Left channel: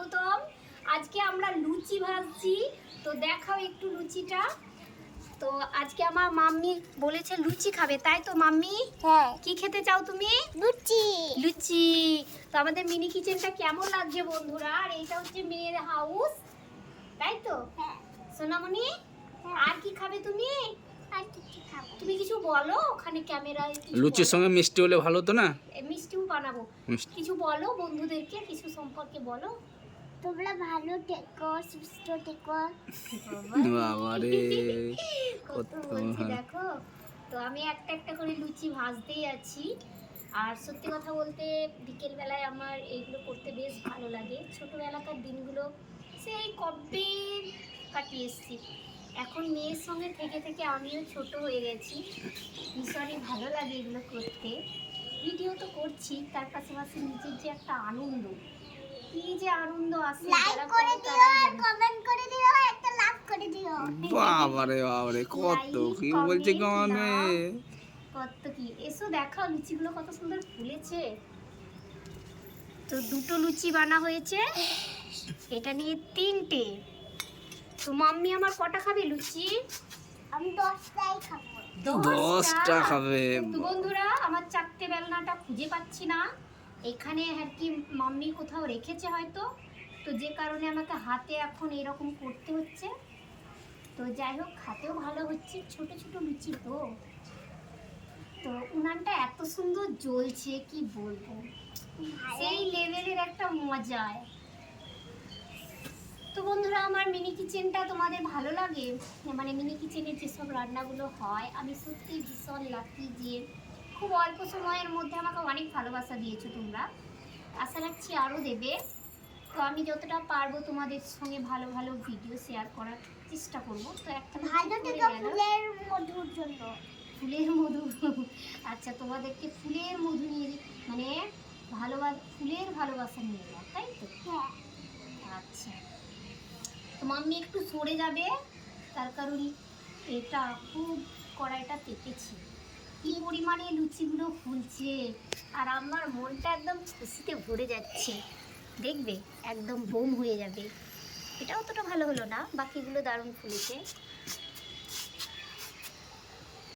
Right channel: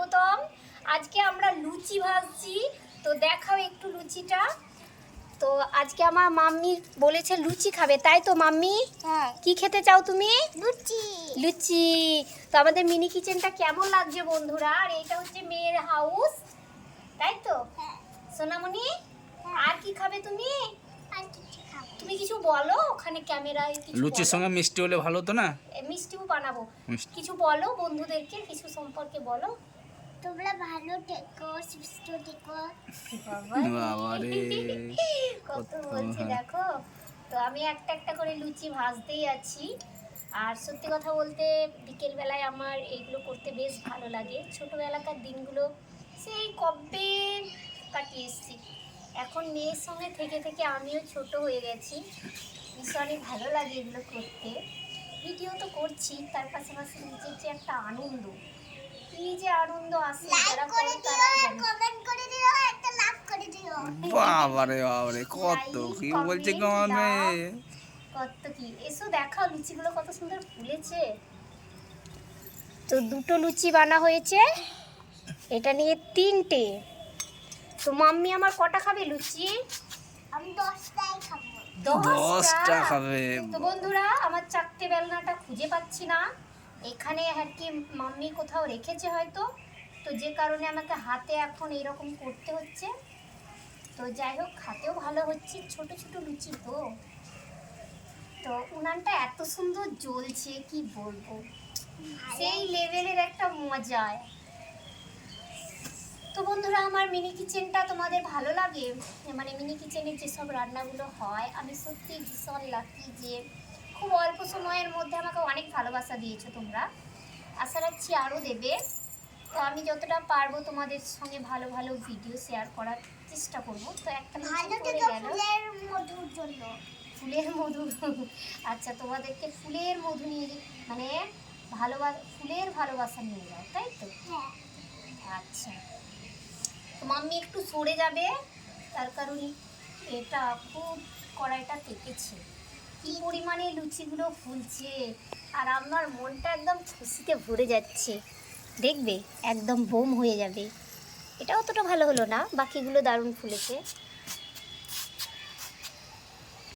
স্বাগতম। আজকে আমরা লুচি ভাজছি, তো দেখাও একটু লুচিটা। তো আজকে আমার মাম্মি বলেছে লুচি খাবে, তাই তো মাম্মি? হ্যাঁ, কি খেতে চাও তুমি? লুচি। লুচি। তো আমাদের মিনি কিচেনটা কেমন লাগছে বন্ধুরা? আর এটা হচ্ছে মেয়ের হাউস, তাই তো হ্যাঁ, সোনামণি? আর কি খাবে তুমি? আর কিছু খাবো। তুমি কিছু বলো, ওখানে ক্যামেরায় কিছু লুচির বলো। সঙ্গে মিষ্টি হলে ভালো তো না? মিষ্টিও বানাবো। মিষ্টি। কিছু বলো বন্ধুদেরকে, কিছু সম্পর্কে বলো। তোমরা ভালো থেকো, সুস্থ থেকো। বাবারে কত বলছি দেখো। তো আমি একটা একটা করে লুচি ভাজতেই আছি। আর সত্যি কথা বলতে বিকেল বেলায় আমার এইগুলো করতে বেশ ভালো লাগে। ছোটোবেলাকার দিনগুলো সেই কবে কাটিয়ে এসেছি। এখন মেয়ের সঙ্গে থেকে থেকে আমিও ছোট হয়ে গেছি। ভীষণই ভালো লাগে এগুলো করতে। ভিডিও তো করছি, তার পাশাপাশি নিজের যে একটা আনন্দ, কি যে আনন্দ আসে লাইক যারা করে করে দিও, তারাই জানে। কমেন্ট করে দিও, একটা লাভ করে দিও। বাবারে বাবারে কত কি বলছে কমে। কত কি, এসো দেখাও লুচিগুলো কত সুন্দর ফুলেছে। তো দুটো লুচি বানা হয়েছে, এটা নিয়ে তিনটে। তো মাম্মি আমার কটা খাবে লুচি? আমি 10টাই খাবো। 10টা খাবে। তো বন্ধুরা, আমার চারটে বেলনাটা খুঁজে পাচ্ছি না। এখানে আর কি মাম্মি কোথাও রেখেছে হয়তো, তো যে কারণে আমাকে হাতে এখন এরকম করতে হচ্ছে। তো যাই হোক, খাতেও ভালো হচ্ছে, ছোট ছোট লুচি তো। তো উনানটা এত সুন্দর জ্বলছে কি বলবো, সেই লেভেলের একটা মজায়। তো বন্ধুরা, আমার মিনি কিচেনটা তোমাদের ভালো লাগে? মানে মিনি কিচেনের যেসব রান্নাগুলো হয়, আমি সত্যি ভীষণ লাকি যে খুব অল্প সময়ের মধ্যে আমাকে অনেক ভালোবাসা দিয়েছো তোমরা। আশা রাখছি আরও দেবে। তো আমি যতটা পারবো তোমাদের সঙ্গে ভালো ভালো ভিডিও শেয়ার করার চেষ্টা করব। তো একটা ভালো লুচি থেকো পড়ে গেল। ফুলের মধুর জন্য। ফুলের মধু? আচ্ছা, তোমাদেরকে ফুলের মধু নিয়ে মানে ফুলের ভালোবাসা নিয়ে যাও, তাই তো? হ্যাঁ, আচ্ছা, তো মাম্মি একটু সরে যাবে, তার কারণ এটা খুব কড়াইটা তেতেছে। কি পরিমাণে লুচিগুলো ফুলছে, আর আমার মনটা একদম খুশিতে ভরে যাচ্ছে। দেখবে একদম বোম হয়ে যাবে। এটা অতটা ভালো হলো না, বাকিগুলো দারুণ ফুলেছে।